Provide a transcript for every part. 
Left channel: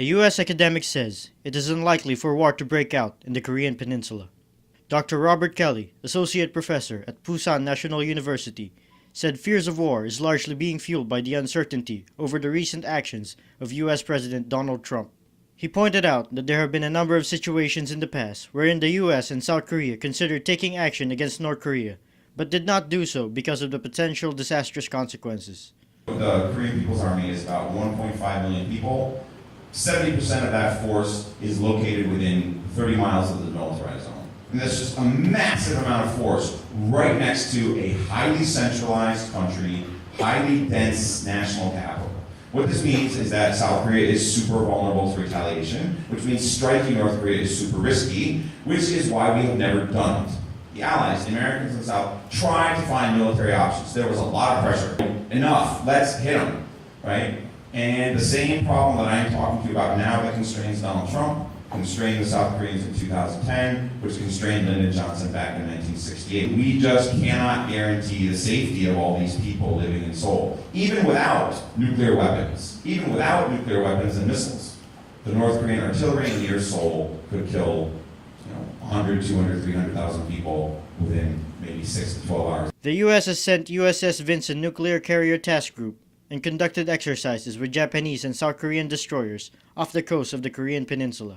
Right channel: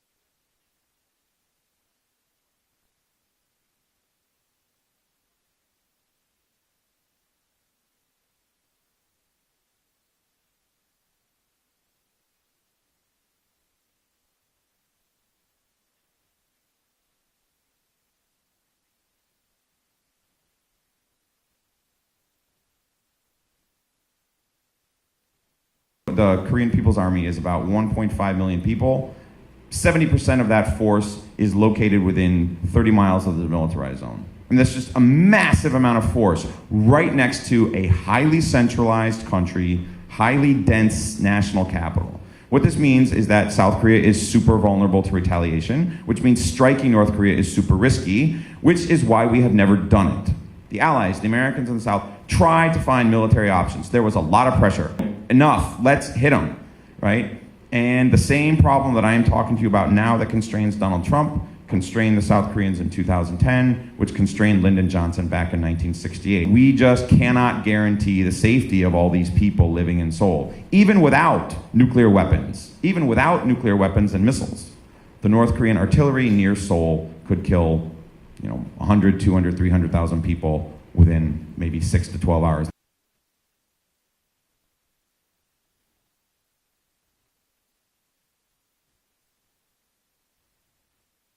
A U.S. academic says it is unlikely for war to break out in the Korean Peninsula. Dr. Robert Kelly, associate professor at Pusan National University, said fears of war is largely being fueled by the uncertainty over the recent actions of U.S. President Donald Trump. He pointed out that there have been a number of situations in the past wherein the U.S. and South Korea considered taking action against North Korea, but did not do so because of the potential disastrous consequences. The Korean People's Army is about 1.5 million people. 70% of that force is located within 30 miles of the militarized zone. And that's just a massive amount of force right next to a highly centralized country, highly dense national capital. What this means is that South Korea is super vulnerable to retaliation, which means striking North Korea is super risky, which is why we have never done it. The Allies, the Americans in the South, tried to find military options. There was a lot of pressure. Enough, let's hit them, right? And the same problem that I'm talking to you about now that constrains Donald Trump constrained the South Koreans in 2010, which constrained Lyndon Johnson back in 1968. We just cannot guarantee the safety of all these people living in Seoul, even without nuclear weapons. Even without nuclear weapons and missiles. The North Korean artillery near Seoul could kill 100, 200, 300,000 people within maybe 6 to 12 hours. The U.S. has sent USS Vincent Nuclear Carrier Task Group and conducted exercises with Japanese and South Korean destroyers off the coast of the Korean Peninsula.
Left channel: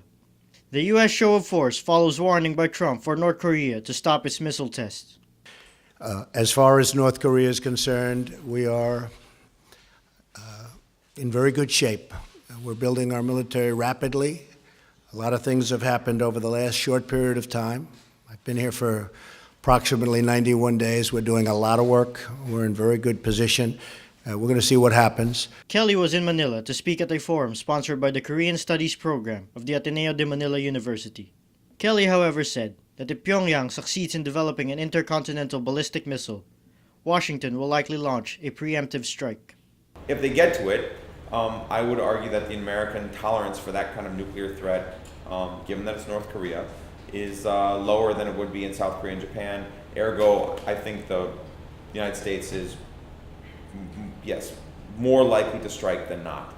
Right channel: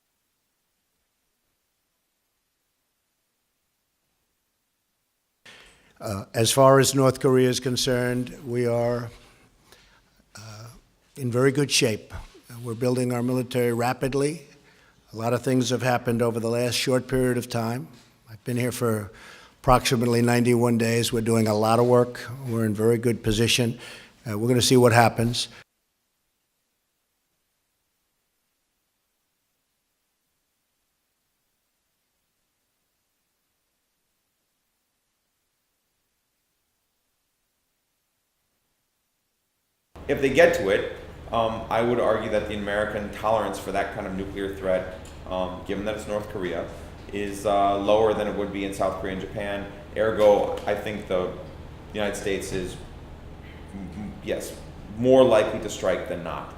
The U.S. show of force follows warning by Trump for North Korea to stop its missile tests. As far as North Korea is concerned, we are in very good shape. We're building our military rapidly. A lot of things have happened over the last short period of time. I've been here for approximately 91 days. We're doing a lot of work. We're in very good position. We're going to see what happens. Kelly was in Manila to speak at a forum sponsored by the Korean Studies program of the Ateneo de Manila University. Kelly, however, said that if Pyongyang succeeds in developing an intercontinental ballistic missile, Washington will likely launch a preemptive strike. If they get to it, I would argue that the American tolerance for that kind of nuclear threat, given that it's North Korea, is lower than it would be in South Korea and Japan. Ergo, I think the United States is yes, more likely to strike than not.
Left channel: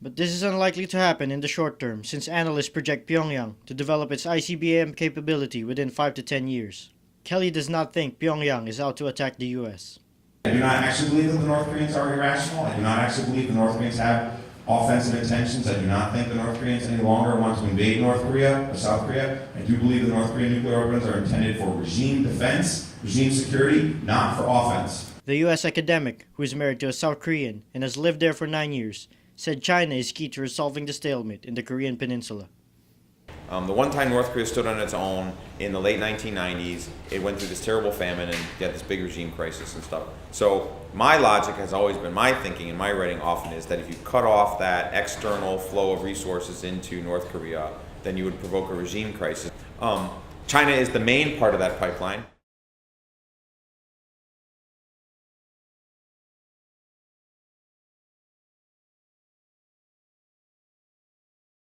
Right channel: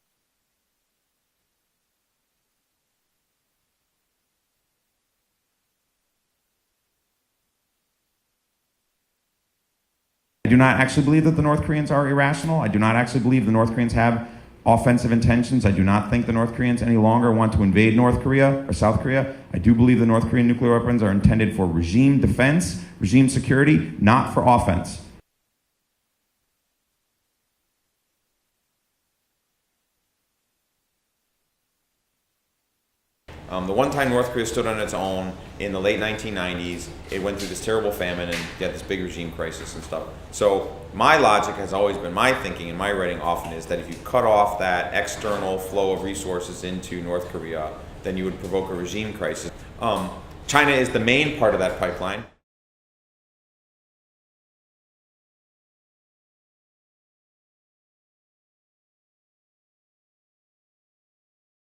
But this is unlikely to happen in the short term since analysts project Pyongyang to develop its ICBM capability within 5 to 10 years. Kelly does not think Pyongyang is out to attack the U.S. I do not actually believe that the North Koreans are irrational. I do not actually believe the North Koreans have offensive intentions. I do not think the North Koreans any longer want to invade North Korea or South Korea. I do believe the North Korean nuclear weapons are intended for regime defense, regime security, not for offense. The U.S. academic, who is married to a South Korean and has lived there for 9 years, said China is key to resolving the stalemate in the Korean Peninsula. The one time North Korea stood on its own in the late 1990s, it went through this terrible famine and you had this big regime crisis and stuff. So my logic has always been, my thinking and my writing often is that if you cut off that external flow of resources into North Korea, then you would provoke a regime crisis. China is the main part of that pipeline.